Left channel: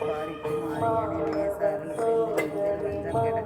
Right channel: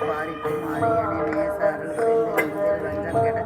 பாடிட்டு மாறியனை நேசாருள் புரிந்து நெஞ்சில் வஞ்சம் கெட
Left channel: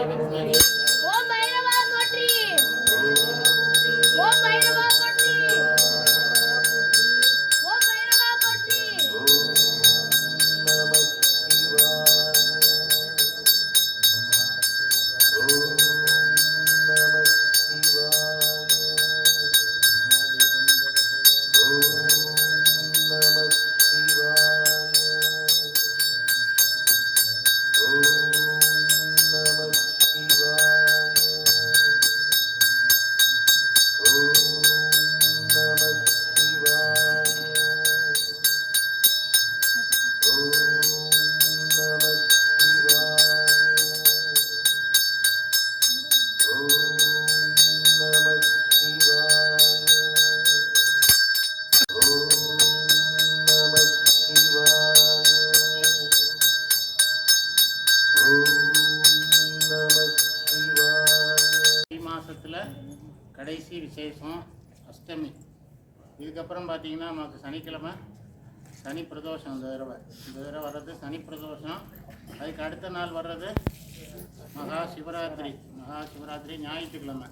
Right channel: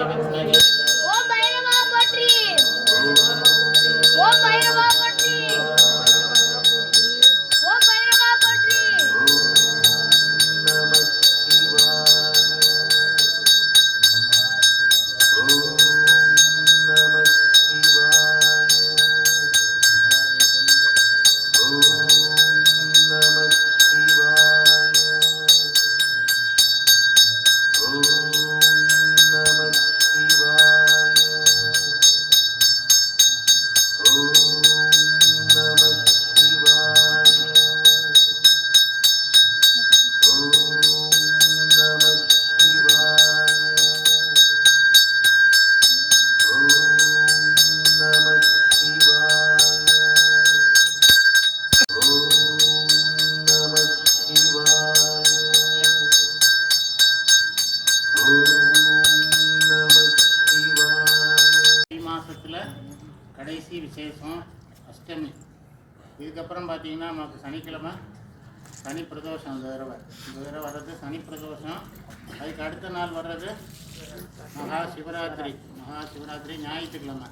ஓம் பைரவா போற்றி. ஓம் பைரவா போற்றி. ஓம் பைரவா போற்றி. கடைசி விசேஷம் அஷ்டமி. இதுக்கப்புறம் பார்த்தீங்கன்னா நமக்கு சனிக்கிழமை சனி பிரதோஷம். இந்த தடவை வர்றது சனி பிரதோஷம். அதுக்கு அடுத்த நாள் வர்றது மகா சிவராத்திரி ஞாயிற்றுக்கிழமை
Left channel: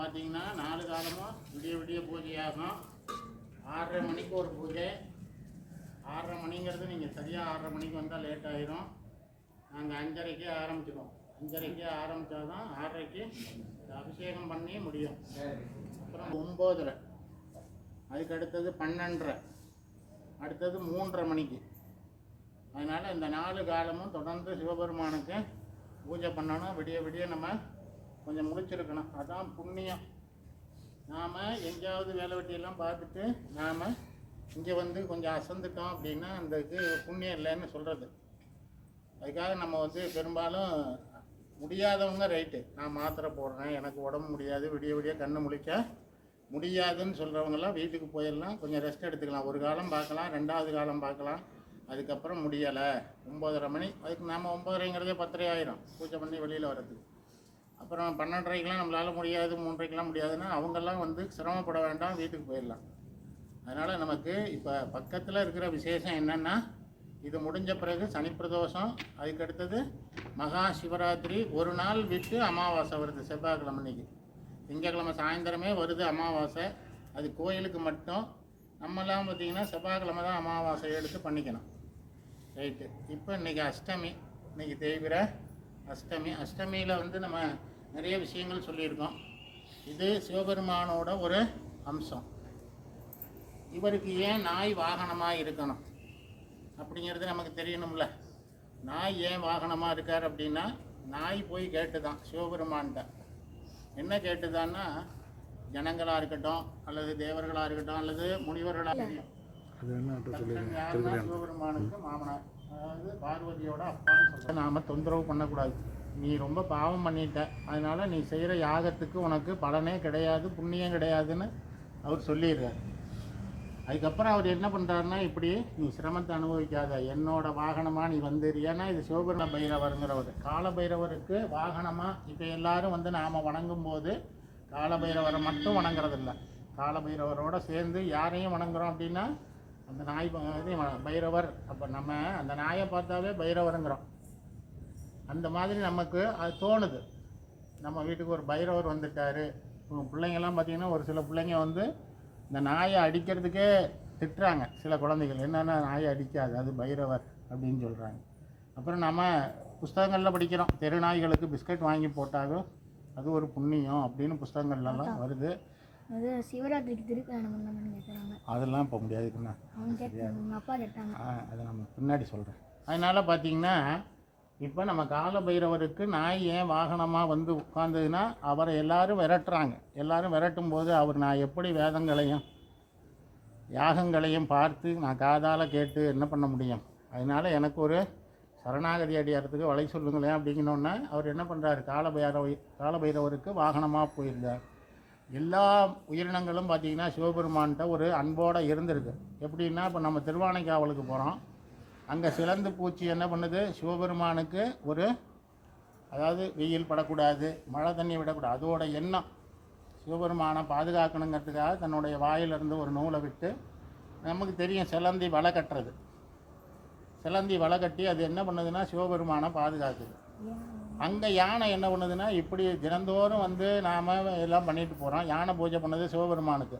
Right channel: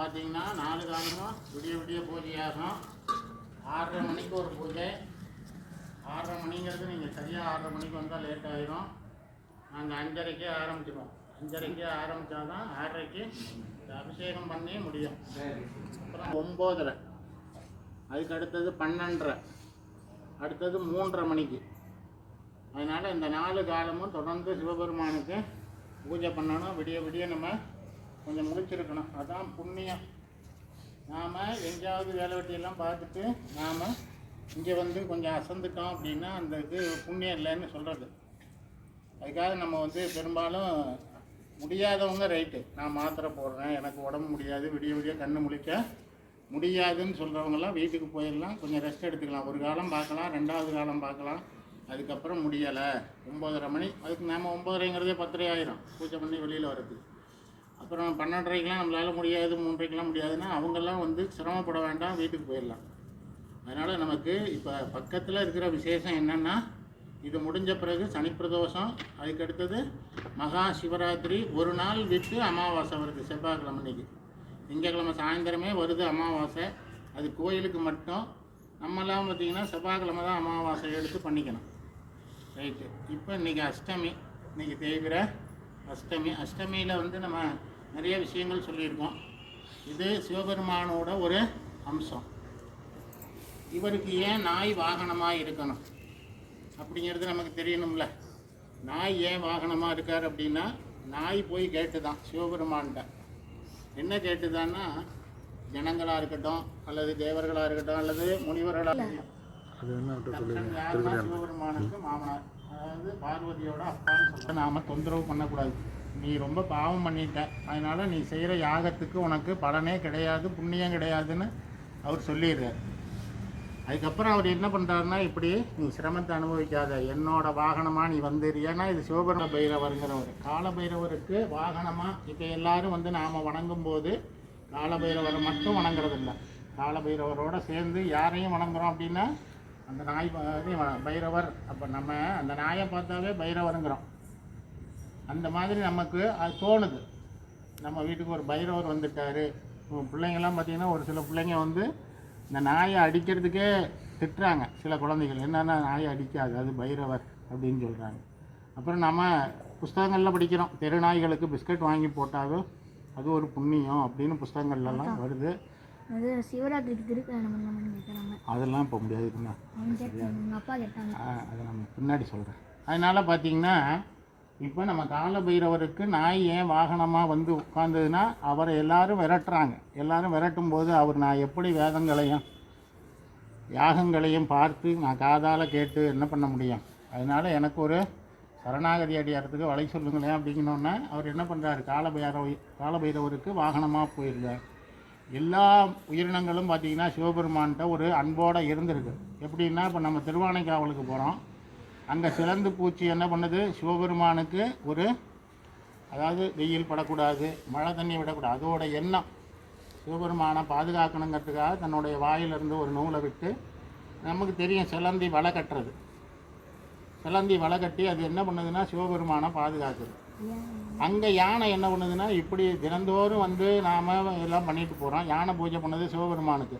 பார்த்தீங்கன்னா 4 காலமும் விடிய பூஜையாகும். 6:30 மணிக்கு ஒரு பூஜை. 6:30 மணிங்கிறது நீங்கள் சரியாக 6:30 மணிக்கு வந்தால் லேட் ஆகிடும். நாங்கள் 5:30க்கே ஆரம்பிச்சிடுவோம். 5:30க்கு ஆரம்பித்தாதான் 6:30க்கு அபிஷேகம் பண்ணி முடியும். அப்புறம் 9:30, அதுக்கு அடுத்தது 12:30, அடுத்தது 3:30 மணிக்கு. அதனால் இந்த 4 காலமும் தொடர்ந்து சிவபெருமானுக்கு பூஜை பண்ணணும். விடிய நம்ம கொஞ்சம் முடிச்சிருக்கணும். அதான் புண்ணியம். நாம் எங்கேயாவது வேலை வெட்டியெல்லாம் பார்த்துட்டு நாம் இங்கே வந்து கொஞ்சம் அசந்துட்டோம் அப்படின்னா அந்தக்கு புண்ணியம் இல்லைன்னு சொல்கிறது. அதுக்காக நம்ம வந்து பெரும்பாலும் முடியாதவங்க ரைட்டு, நான் மாத்திரை போடுறேன், எனக்கு உடம்பு முடியாது, விடிய கண்ணு முழிக்க முடியாதுன்னு சொல்கிறவங்களாம் வீட்டுக்கு போயிடலாம், கொஞ்சம் ரெஸ்ட் எடுத்துக்கலாம். ஒரு காலம் பார்க்கலாம், 2வது காலம் பார்க்கலாம். அதுக்கப்புறம் முடியலை 9:30 மணி. அதுக்கு நாம் 9:30ங்கிறதே 10:30 ஆயிரும் பூஜை பண்ணி வெளியில் வர்றது. அப்புறம் 12:30க்கெலாம் நம்மளால் முடியாது, 3:30க்கெலாம் முடியாதுன்னா அவங்கெல்லாம் வந்து சிரமப்பட வேண்டாம், வீட்டுக்கு போயிடலாம். அதனால் நமக்கு இப்போ பக்கத்தில் இருக்கிற விசேஷம் என்னென்னா, இது முடிஞ்ச பிறகு சனி பிரதோஷம், அதுக்கு அடுத்தது மகா சிவராத்திரி. ஒரு நாள் விட்டு அமாவாசை வருது, செவ்வாய்க்கிழமை அன்றைக்கி. திங்கக்கிழமை சாயந்தரமே வருது அமாவாசை. அது கோயிலுக்கு மட்டும். நம்மெல்லாம் பார்த்திங்கன்னா செவ்வாய்க்கிழமை தான் அமாவாசை எடுத்து பண்ணிக்கணும். ரைட்டு. இப்போ இன்றைக்கி அஷ்டமி, இன்றைக்கி தேய்பிர அஷ்டமி. அஷ்டமியில் வந்து நம்ம நிறைய விஷயங்கள் சொல்லியிருக்கோம். இது சிவபெருமானோட ஒரு அம்சம். இவருக்கு ஏன் நாய் வாகனமாக இருக்கணும் அப்படிங்கிறது நமக்கு தெரியணும்ல. நாய் ஏன் வாகனமாக இருக்கார் அப்படின்னா, நாய் போய் கேட்டுதான் சிவபெருமான்கிட்ட. என்ன கேட்டுதான்னா, ஜனங்களாக இருக்கட்டும் அல்லது தேவர்களாக இருக்கட்டும் அல்லது முனிவர்களாக இருக்கட்டும், யாருன்னா சிவபெருமானுக்கு மாமனார், அதாவது பார்வதியோட அப்பான்னு சொல்ல. நாம் தொந்தரவு பண்ணக்கூடாது. நீ ரொம்ப பாவம் பண்ணிட்ட, அதனால் நீ செய்கிற யாகத்துக்கு உனக்கு பலனே கிடையாது, புண்ணியம் கிடையாதுன்னு அவர் சொல்லிடுறார். அதுக்கப்புறம் அவர் என்ன பண்ணுறாருன்னா, இப்படி நீ சிரமத்தை அனுபவிக்காத, என்னோட வாகனமாக நீ வந்துரு. ஏன்னா இது சிவபெரும பைரவருங்கிறவர். காலபைரவருக்கு வாகனமாக இப்போ எல்லாரும் வந்து நாம் வணங்கும் போது காலபைரவரை மட்டும் வணங்குறதில்ல, காலபைரவரோடு சேர்ந்து யாரையும் வணங்குறோம் அப்படின்னா அந்த நாய் பைரவர். அப்போ நம்ம அந்த நாயை பார்த்தாவே பைரவருங்கிறோம். அந்த மாதிரி நமக்கு அது தோணுது. நம்ம வீட்டுக்கு ஒரு பைரவர் வந்துட்டார். பிள்ளைங்கள்லாம் பார்த்திங்கன்னா ஒரு சில பிள்ளைங்க வந்து இந்த நாயை அடிக்கிறதுக்கே திட்டுறாங்க. சில குழந்தைகள் என்னென்னா நாயை அடிக்காது, அது பைரவர் அப்படின்னு சொல்கிறாங்க. அப்புறம் நம்ம புஸ்தகங்களில் படிக்கிறோம், தெரு நாய்களுக்கு பிஸ்கட் வாங்கி போட்டாலும் அது ஒரு புண்ணியம் அப்படின்னு புஸ்தகங்கள்லாம் வருது. அது சிவராத்திரிக்கு திருக்கல்யாணம் பண்ணலாம்னு கேட்குறாங்க. அதெல்லாம் இப்போ முடியாதுக்குண்ணா, அப்பா கேட்டாங்க. அதை நம்ம பின்னாடி சொல்கிறேன். அதனால் பார்த்திங்கன்னா இப்போ நம்ம கால பைரவருக்கு நாய் ஏன் வாகனமாக வந்து உட்கார்ந்ததுன்னா, அவரை எல்லாரும் விரட்டுறாங்க. எல்லாரும் விரட்டும் போது அவர் நான் எப்படி வேதங்களையும் யாகங்களையும் பார்த்து நான் காதால் கேட்டு என்ன பண்ண முடியும்? அதனால் எனக்கு ஒரு சரணாகதி அடையறதுக்கு வழி சொல்லுங்களேன் அப்படிங்கணுன்னா அவர் என்ன பண்ணுறாரு, காலபைரவருக்கு வாகனமாக போயிருந்தார். எல்லா உயிரினங்களும் பார்த்திங்கன்னா சிவபெருமான்கிட்ட ஒரு அன்போடு இருந்திருக்கு. எப்படின்னா, இப்போ நம்ம திருவானைக்காவலுக்கு போகிறோம், அங்கே சிலந்து பூச்சி என்ன பண்ணுது, சிவபெருமானுக்கு ஒரு, அதாவது வெயில் படக்கூடாது, மழை தண்ணி விடக்கூடாது, அதோட எண்ணம் சிவபெருமானை பாதுகாக்கணுங்கிறதுக்காக தன்னுடைய வாயிலிருந்து ஒரு நூலை விட்டு, நமக்கு தெரியும் சிலந்தி வலை கட்டுறது, சிலந்தி வலை கட்டி அது என்ன பண்ணுதுன்னா சிவபெருமானை பாதுகாக்குது. அங்கே யானை என்ன பண்ணுதுன்னா இப்படி தினந்தோறும் வந்து நாம் எல்லாம் பண்ணிட்டு போகிறோம். யானை பூஜை பண்ணது சிவபெருமானுக்கு.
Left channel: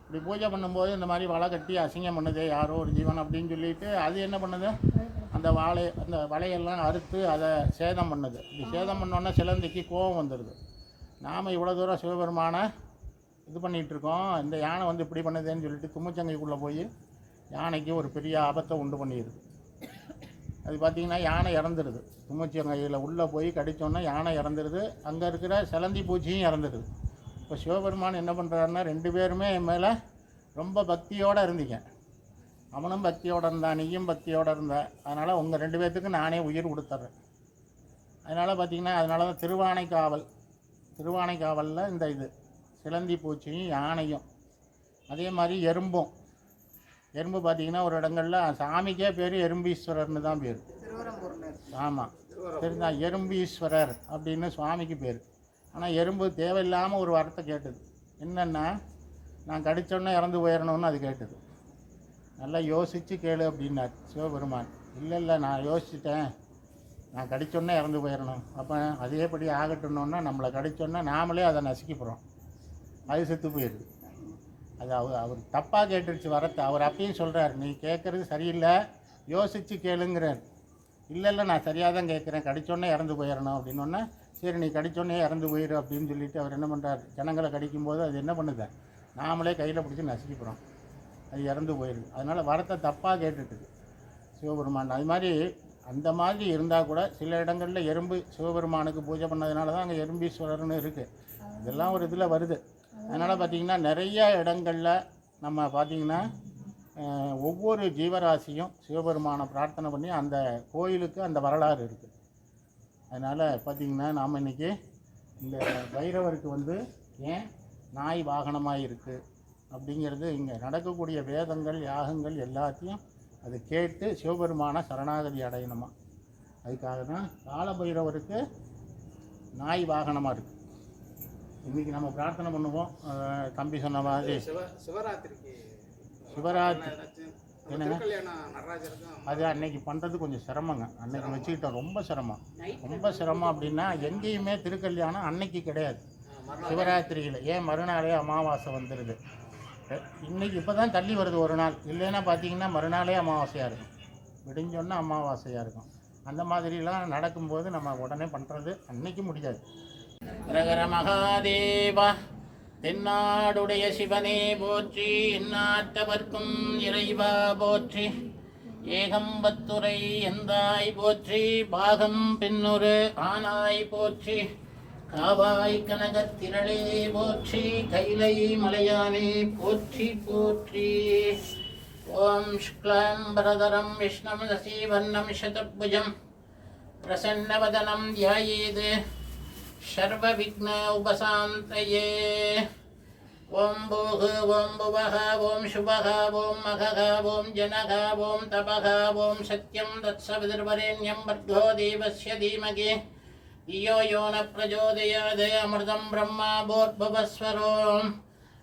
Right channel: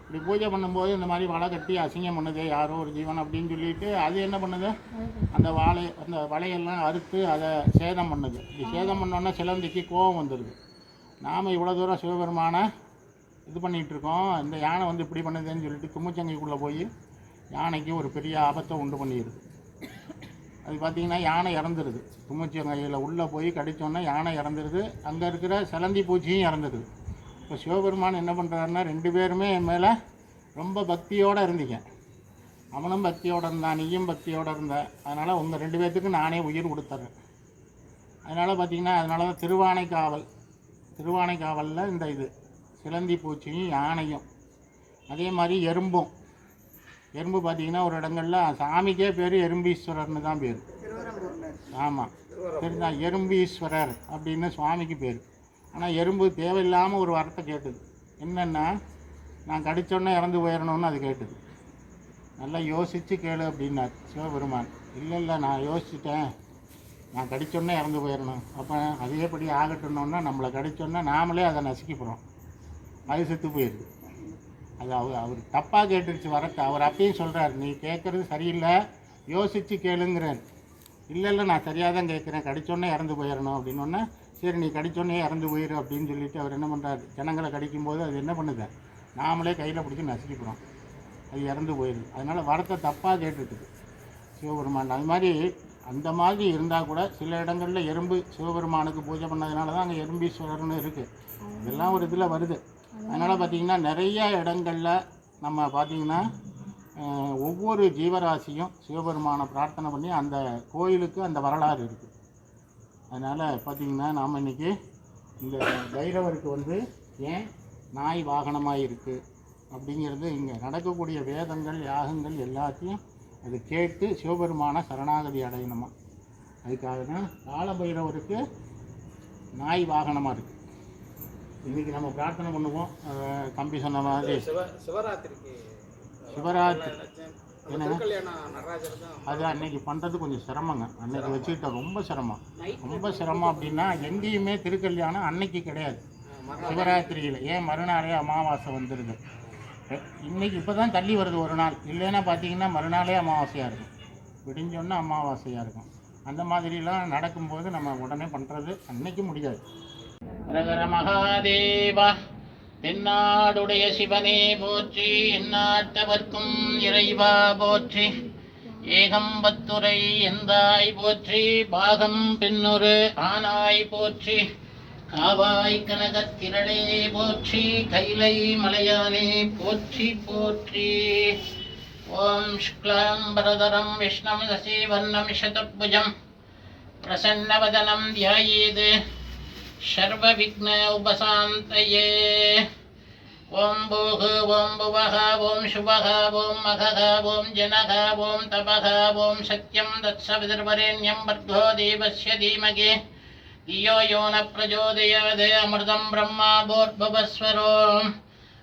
இப்படி பூஜை பண்ணும்போது இந்த மாதிரி வலை கட்டி அசிங்கம் பண்ணுது யாரோ ஒரு ஜீவன் அப்படின்னு சொல்லிட்டு அது என்ன பண்ணுது, அந்த வலையெல்லாம் அறுத்து அதை சேதம் பண்ணுது. இப்படி சேதம் பண்ணோன்னா சிலந்திக்கு கோபம் வந்துடுது. நாம் இவ்வளோ தூரம் சிவபெருமானை இது பண்ணிகிட்ருக்கோம், இந்த யானை வந்து இப்படி பண்ணுதுன்னு சொல்லிட்டு தும்முச்சங்கைக்குள்ளே போய் யானைக்கு ஒரு பெரிய ஆபத்தை உண்டு பண்ணிடுது. அது பார்த்திங்கன்னா யானை இறந்துடுது. தும்முச்சங்கையில் உள்ளே போய் கடித்தோன்னா யானை இறந்துடுது. அங்கே இருக்கிற சிலந்தி பூச்சியும் இறந்துடுது. இப்போ சிவபெருமான் என்ன பண்ணுறாருன்னா 2 பேருமே என் மேலே ரொம்ப பக்தியோடு இருந்தீங்க. அவனும் பக்தியோடு இருந்தான், நீயும் பக்தியோடு இருந்த. அதனால் உங்கள் 2 பேர்த்துக்கு நானே உயிர் கொடுத்துட்றேன். அதனால் பார்த்திங்கன்னா அதனால தான் திருவானைக்காவலில் இந்த இது சிலந்தி பூச்சியும் யானையும், அதே மாதிரி எறும்பு பார்த்திங்கன்னா ஒரு இடங்களில் சாமிக்கே பேர் எறும்பீஸ்வரர்னு தான் பேர். ஆமாம், தெரிஞ்சா எறும்பீஸ்வரர் அப்படின்னு சுவாமிக்கு பேர். ஆனால் எறும்பு தேவையில்லாமல் ஒரு வார்த்தை கேட்டுது. என்னென்னா, நான் கடிச்சோன்னே இறந்து போயிடணும்னு அது கேட்டுது. நல்லா யோசித்து கேளு அப்படின்னார் சிவபெருமான். இல்லை நான் யோசிச்சுட்டேன், நான் கடிச்சோன்னே இறந்து போயிடணும். அப்போ அதேபடி ஆகட்டணுன்னா நம்மளை கடிச்சோன்னா நாமளே அதை நசுக்கி போகிறோம், அது செத்து போயிடுது. அது அவர் தப்பாக கேட்டுருச்சு வரத்தை. அவர் அப்பயும் சொல்கிறார், நீ கேட்குறது சரியில்லை, யோசித்து கேளுங்கிறார். இல்லை நான் சரியாக தான் கேட்குறேன், கடிச்சோன்னே இறந்து போயிடணும் அப்படின்னோன்னா, சரி நீ கடிச்சோன்னே இறந்து போயிடும் அப்படின்னு சொல்லிவிட்டு அவர் என்ன பண்ணுறார், ஜனங்களை கடிக்கும்போது அது என்ன பண்ணுது, நாமளே கையில் பிடிச்சி நசுக்கிக்கிறோம், அது இறந்து போயிடுது. அதனால் வரத்தை தப்பாக கேட்டுட்டுது சிவபெருமான். அது மாதிரி அந்த மாதிரி இருந்தால் கூட சில இடங்களில் எறும்பு சிவபெருமானுக்கு பூஜை பண்ணதுனால தான் அங்கே எறும்பீஸ்வரர்னு இருக்குது. இதெல்லாம் ஒரு இதில் வருது. அதனால் பார்த்திங்கன்னா நிறைய இடங்களில் நம்ம பார்த்திங்கன்னா ஒவ்வொரு ஜீவராசியும் சிவபெருமானை பிரார்த்தனை பண்ணி அந்த கோயிலுக்கு அந்த வரலாறு இருக்குது. அதனால் பார்த்திங்கன்னா நாம் இன்றைக்கி இந்த பைரவருக்கு வந்து ஏன் நாய் வாகனமாக இருக்குது அப்படிங்கிறது இங்கே நடக்கக்கூடிய வேதங்கள் யாகங்கள் எல்லாத்தையும் அது கேட்டு சிவபெருமான சரணாகதி அடையணுமா. அதுக்காக தான் காலபைரவருக்கு நாய் வாகனமாக இருக்குது. இன்றைக்கி நம்ம பிரார்த்தனை பண்ணுவோம். தம்பி சொன்ன மாதிரி சிவராத்திரி அது அன்னைக்கு பண்ணுறது கொஞ்சம் சிரமங்க. அன்னைக்கு வச்சுக்கிட்ட ரொம்ப சிரமம் அப்படின்னா எங்கேயுமே திருக்கல்யாணம் அன்னைக்கு கிடையாது. சிவராத்திரியில் ஏன் மறுநாளே அமாவாசை வந்துடுது. இன்றைக்கி இப்போ தான் தள்ளி வருது ஒரு நாள். இல்லைன்னா பார்த்தீங்கன்னா மறுநாளே அமாவாசையாக இருக்கும், விடிஞ்சோன்னா அமாவாசையாக இருக்கும். அந்த மாதிரிலாம் நடக்கும்போது நம்ம உடனே பண்ணுறது அன்னைக்கு முடியாது. ரகர மகாதேவா, தென்னாடுடைய சிவனே போற்றி, எந்நாட்டவர்க்கும் இறைவா போற்றி, ஏகம்பத்துரை எந்தாய் போற்றி, பாகம் பின்னொரு ஆனாய் போற்றி, காவாய் கனகத்திரளே போற்றி, கைலை மலையானே போற்றி போற்றி. ஓம் சுக்லாம் பரதரம் விஷ்ணம் சசிவர்ணம் சதுர்புஜம் பிரசன்னவதனம் தியாயேத் சர்வ விக்ன உபசாந்தயே. ஓம் பூஹ ஓம் புவஹ ஓம் சுபஹ ஓம் மகஹ ஓம் ஜனஹ ஓம் தபஹ ஓம் சத்யம் தத்சவிதுர்வரேண்யம் பர்கோ தேவஸ்ய தீமகி धियो यो न प्रचोदयात् अमृतं ब्रह्मा भूर्भुवस्वरो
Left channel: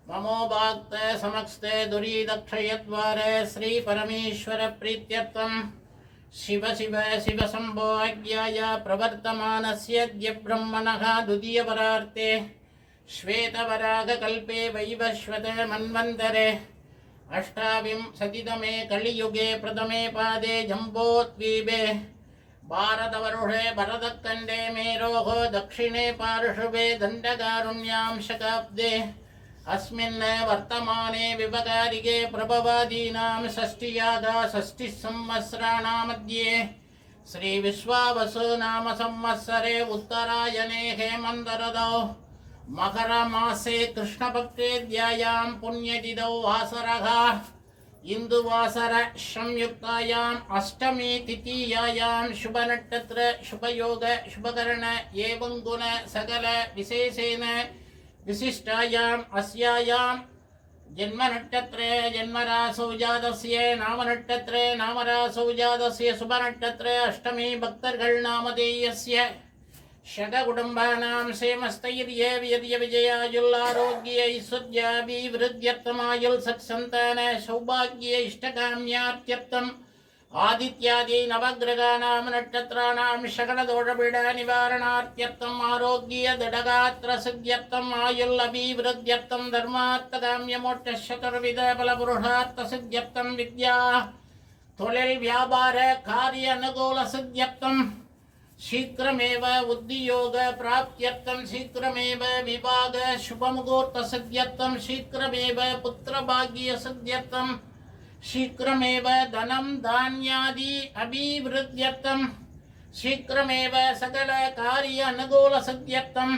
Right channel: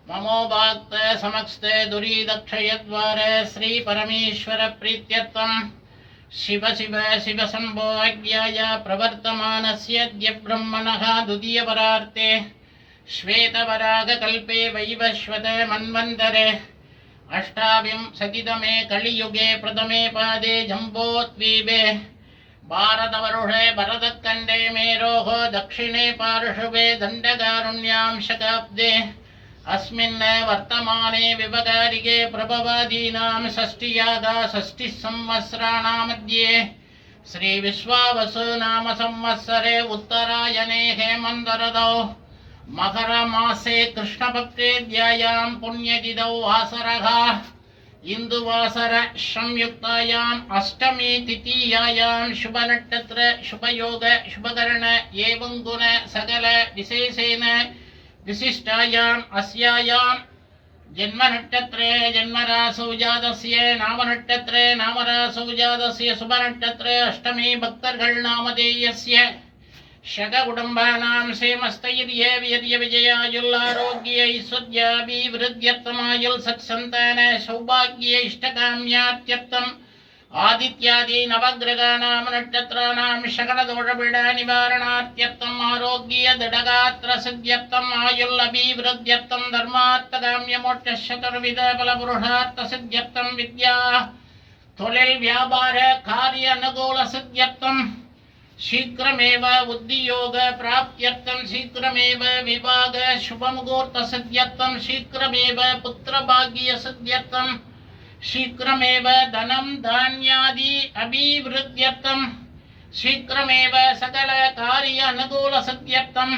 ममो वाक्त समक्स्ते दुरीदक्षयद्वारे श्री परमेश्वर प्रीत्यर्थं शिव शिव शिव शम्भो अज्ञाय प्रवर्तमानस्य अद्य ब्रह्मणः द्वितीयपरार्ते श्वेतवरागकल्पे वैवस्वते मन्वन्तरे अष्टाविंशतितमे कलियुगे प्रथमे पादे जम्बोद्वीपे भारतवर्षे भरतखण्डे मेरोः दक्षिणे पार्श्वे दण्डकारुण्यां शताब्दे अस्मिन् वर्तमाने विवकारिके प्रभवादीनां षष्ठ्यागा षष्ठिसंवत्सराणां मध्ये श्रीविश्वावसु नाम संवत्सरे उत्तरायणे हेमन्तर्तौ मकरमासे कृष्णपक्षेद्यायां पुण्यतिथौ वासरः इंदुवासर संयुक्तायां अष्टमी तिथियायां शुभनक्षत्र शुभयोग शुभकरण एवं गुण सकल विशेषेण विशिष्टायाम् अस्यायां जन्मनक्षत्रे जन्मरासौ जातस्य नामनक्षत्रे नामरासौ जातस्य शुभनक्षत्रे अष्टमी भक्तर्गळ नामधेयस्य षडकुटुम्बानां क्षेमस्थैर्य वीर्य विजयायुल्लारोग्य ऐश्वर्याभिवृद्ध्यर्थमायुल् सत्सन्तान सौभाग्य इष्टकाम्यात्यर्थं आदित्यादि नवग्रहाणां नक्षत्राणां सकलदोषपीडानिवारणार्थ्यर्थम् आरोग्यदृढगात्रसिद्ध्यर्थम् आयुर्लभिवृद्ध्यर्थं धर्मार्थकाम्यमोक्षचतुर्विधफलपुरुषार्थसिद्ध्यर्थं विद्या தொழில் வியாபார காரிய அனுகூல சித்தியர்த்தம் शीघ्रमेव उद्योग प्राप्त्यर्थं शीघ्रमेव विवाह शुभमुहूर्त सिद्ध्यर्थं शीघ्रमेव पुत्रभाग्य सिद्ध्यर्थं शीघ्रमेव धनं धान्यादि अभिवृद्ध्यर्थं शीघ्रमेव सकल कार्य अनुकूल सिद्ध्यर्थं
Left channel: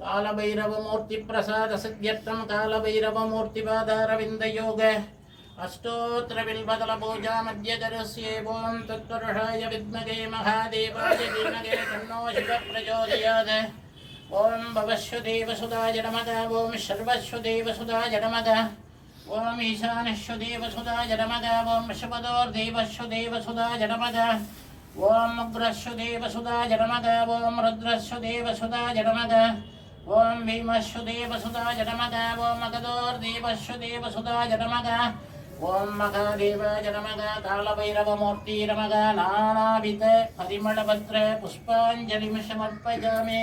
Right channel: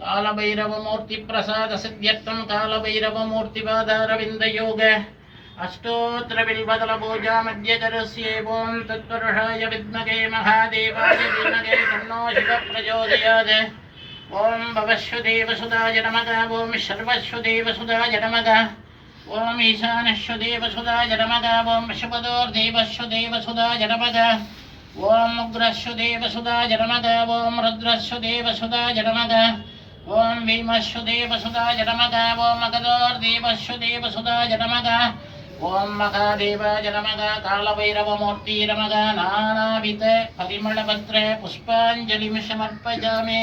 कालभैरवमूर्ति प्रसाद सिद्ध्यर्थं कालभैरवमूर्तिपादारविन्द योग अष्टोत्तर बिल्बदल पूजा मध्य करुष्येवं तत्पुरुषाय विद्महे महादेवाय धीमहि तन्नो शिवः प्रचोदयात् ओम भवश्वदेवसुधाय नमः ओम सर्वश्वदेवसुधाय नमः ओम ईशानश्वदेवसुधाय नमः ओम शुभदोर्देवश्वदेवसुधाय नमः ओम उग्रश्वदेवसुधाय नमः ओम रुद्रश्वदेवसुधाय नमः ओम भीमश्वदेवसुधाय नमः ओम मगधोर्देवश्वदेवसुधाय नमः ओम महादेवाय नमः कालभैरवमूर्ति नमः नानाविध परिमलपत्र पुष्पाञ्जलिं समर्पयामि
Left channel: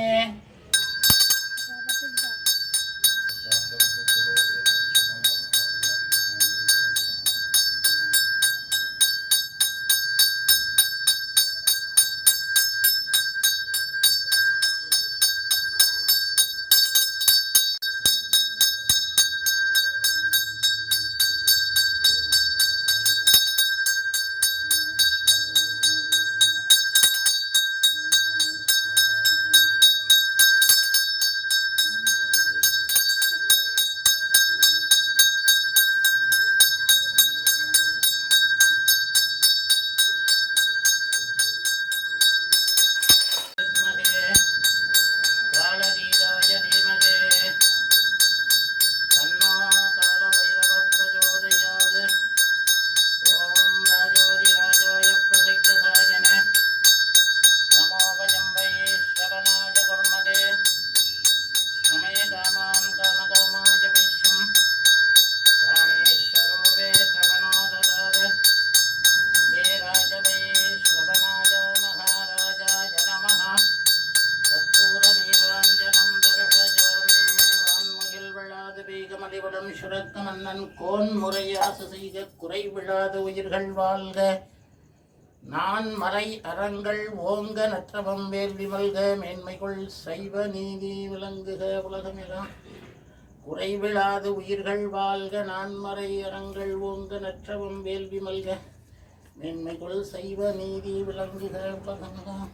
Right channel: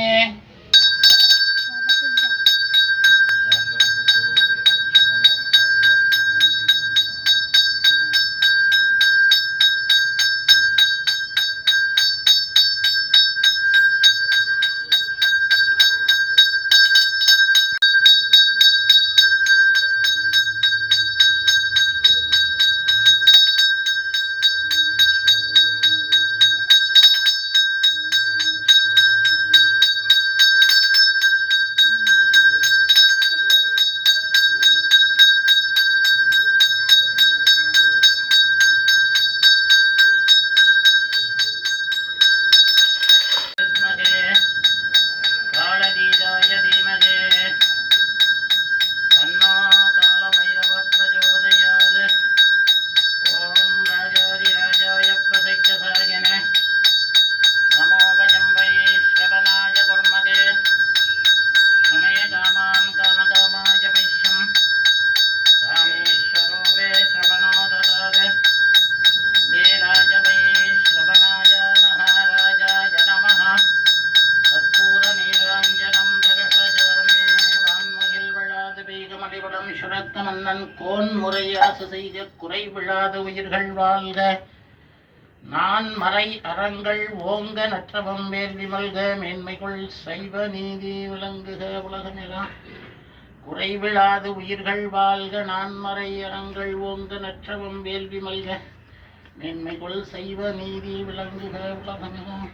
மன்னன் கோன் முறையாசு செய்த குறை விழாத உயிர்கள் வாழ்க நான் மறை அறங்கள் ஓங்க நற்றவம் வேள்வி மல்க மேன்மைக்குள் சைவ நீதி விளங்குக உலகமெல்லாம் குறைவிழாது உயிர்கள் வாழ்க நான் மறை அறங்கள் ஓங்க நற்றவம் வேள்வி மல்க மேன்மைக்குள் சைவ நீதி விளங்குக உலகமெல்லாம்